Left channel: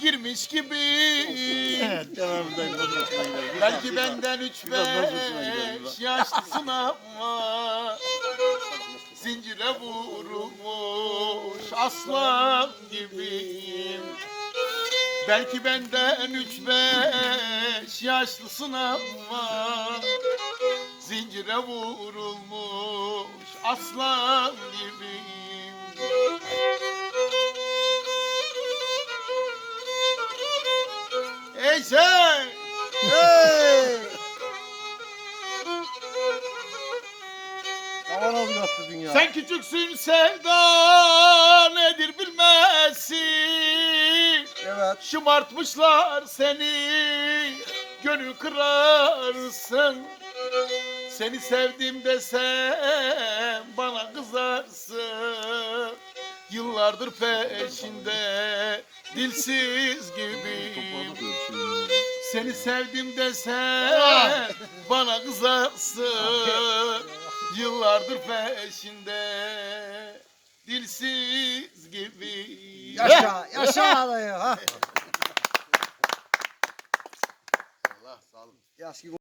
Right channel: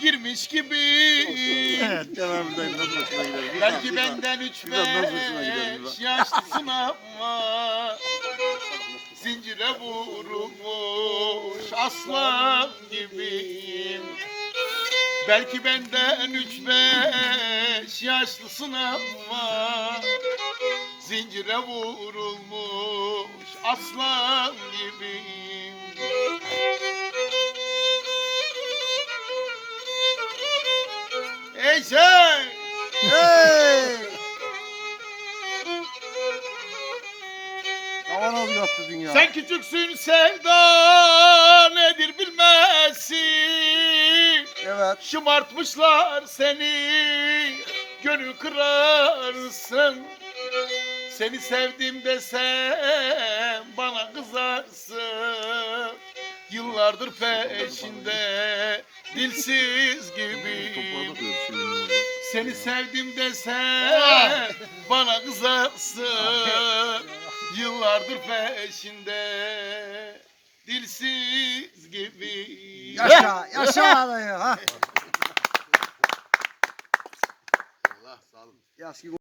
girmiş gibi. Evet Kenan dayım nasıl hoşuna gider? Bir bak, Belki bir benden üç nasıl hoşuna gider, beş yaşlısın ama Zincire vurulmuş aslan gibi Belki benden üç beş yaşlısın ama Zincire vurulmuş aslan gibi Ey sen! Hey! Aman az yattı dünya. Sen küçüksün sevda nedir bilmezsin Evet. Şımartmışlar seni gönül kırarsın Seni sevdim desem bana kızarsın Yıllardır peşinde dilsiz gibi Seni sevdim desem bana kızarsın Yıllardır peşinde dilsiz gibi Yaşa, yaşa dayı ha. Allah sağ olun.